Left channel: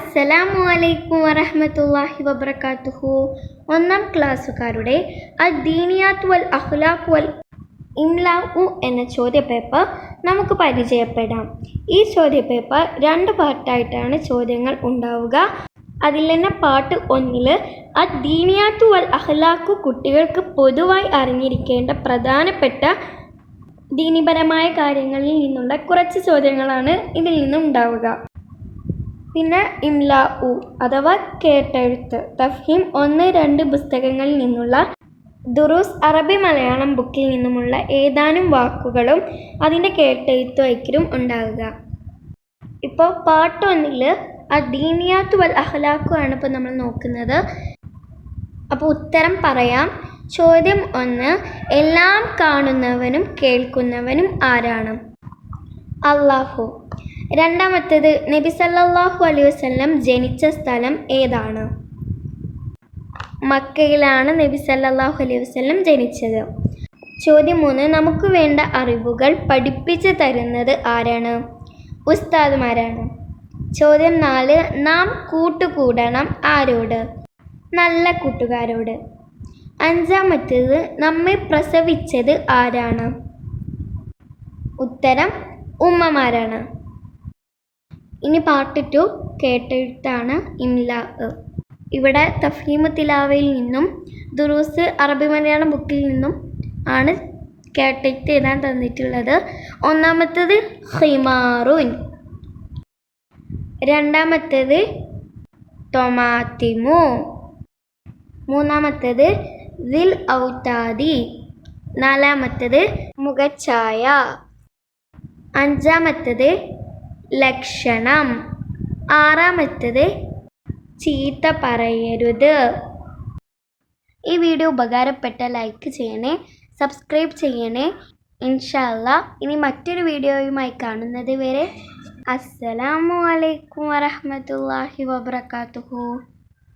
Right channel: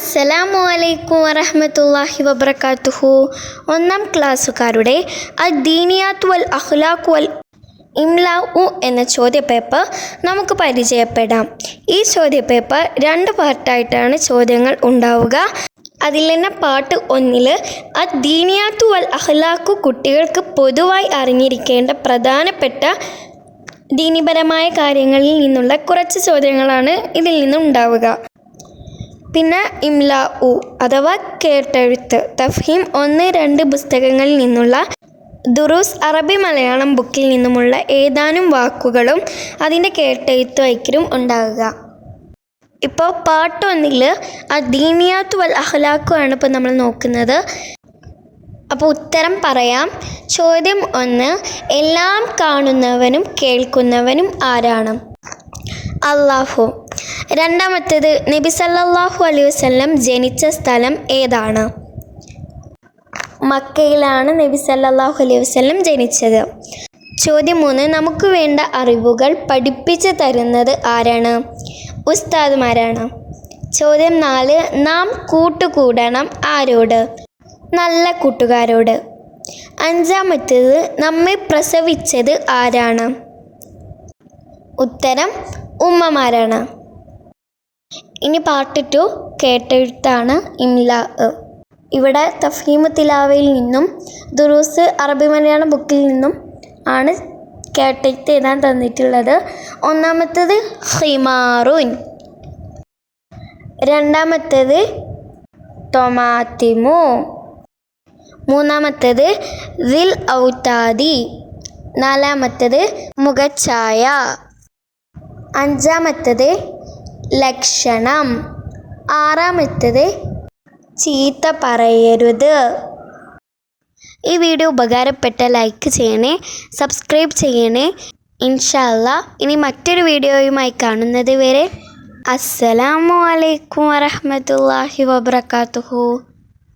അസ്സലാമു അലൈക്കും വറഹ്മത്തുള്ളാഹി വബറകാതുഹു. ഒന്നാം ക്ലാസ്സുകാരുടെ അദ്ദീനിയാത്ത് വൽ അഖ്ലാഖ് വൽ ഇംലാഉ എന്ന ചോദ്യപേപ്പർ നമുക്ക് പരിചയപ്പെടാം. ഈ ചോദ്യപേപ്പർ 2 പാർട്ടായിട്ടാണ് ചോദ്യങ്ങൾ ഉണ്ടാവുക. അതിൽ തന്നെ പാർട്ട് 1 അദ്ദീനിയാത്ത് വൽ അഖ്ലാഖ് കുട്ടികൾക്ക് പൊതുവായി അറിഞ്ഞിരിക്കേണ്ട പ്രധാനപ്പെട്ട ദീനിപരമായ കാര്യങ്ങളിൽ നിന്നുള്ള കുറച്ച് ചോദ്യങ്ങളാണ് ഇതിൽ നിന്നും ഉണ്ടാവുക. പിന്നെ ഇംലാഉ അഥവാ കേട്ടെഴുത്ത്, തഫ്ഹീം 1-2 പുസ്തകങ്ങളിൽ നിന്നുള്ള ദുറൂസ് അറബി മലയാളം ബുക്കിൽ നിന്നുമുള്ള ഏതാനും വാക്കുകളും അതിൻ്റെ കേട്ടെഴുത്ത് വയ്ക്കലും ഉണ്ടാകുക. ഇപ്പോൾ പാർട്ട് 1 അദ്ദീനിയാത്ത് വൽ അഖ്ലാഖ് ആണ് ഇപ്പോൾ നമ്മൾ നോക്കുന്നത്. അപ്പോൾ ഉത്തരം പറയാം. ചോദ്യം 1, എല്ലാം കാണുന്നവനും കേൾക്കുന്നവനും ആരാണ്? അല്ലാഹു. രണ്ടാമത്തേത്, നബി സല്ലല്ലാഹു അലൈഹി വസല്ലം ജനിച്ച സ്ഥലം ഏതാണ്? മക്കയിലാണ് നബി സല്ലല്ലാഹു അലൈഹി വസല്ലം ജനിച്ചത്. ചോദ്യം 3, നമുക്ക് വേണ്ട അറിവുകൾ പഠിപ്പിച്ചു തരുന്നത് ആരാണ്? ഉസ്താദുമാരാണ്. ചോദ്യം 4, നാം കൂട്ടുകൂടണം ആരോട്? നല്ല കൂട്ടുകാരോട്. അഞ്ചാമത്തേത്, നമ്മെ പ്രസവിച്ചത് ആരാണ്? ഉത്തരം ഉമ്മമാരാണ്. ഇനി പാർട്ട് 2 കേട്ടെഴുത്താണ്, ഇംലാ. ഇവിടെ തഫ്ഹീമു തിലാവയിൽ നിന്നും ദുറൂസ് അറബി മലയാളം ബുക്കിൽ നിന്നും ആണ് കേട്ടെഴുത്ത് എഴുതാൻ തന്നിട്ടുള്ളത്. ഒന്നാമത്തേത് ഹിമാറുൻ, രണ്ടാമത്തേത് തൊമാത്തിമു, മൂന്നാമത്തേത് ദിൽ ഔതാദി, നാലാമത്തേത് മുഖഛായ, അഞ്ചാമത്തേത് ലക്ഷണം, ആറാമത്തേത് ചീത്ത പറയരുത്. ഈ വീഡിയോ ഉപകാരപ്പെട്ട ലൈക്ക് ചെയ്യണേ, സബ്സ്ക്രൈബ് ചെയ്യണേ. ഇൻഷാ അല്ലാഹ് ഇനി മറ്റൊരു വീഡിയോയുമായി കാണുന്നത് വരെ അസ്സലാമു അലൈക്കും വറഹ്മത്തുള്ളാഹി വബറകാതുഹു.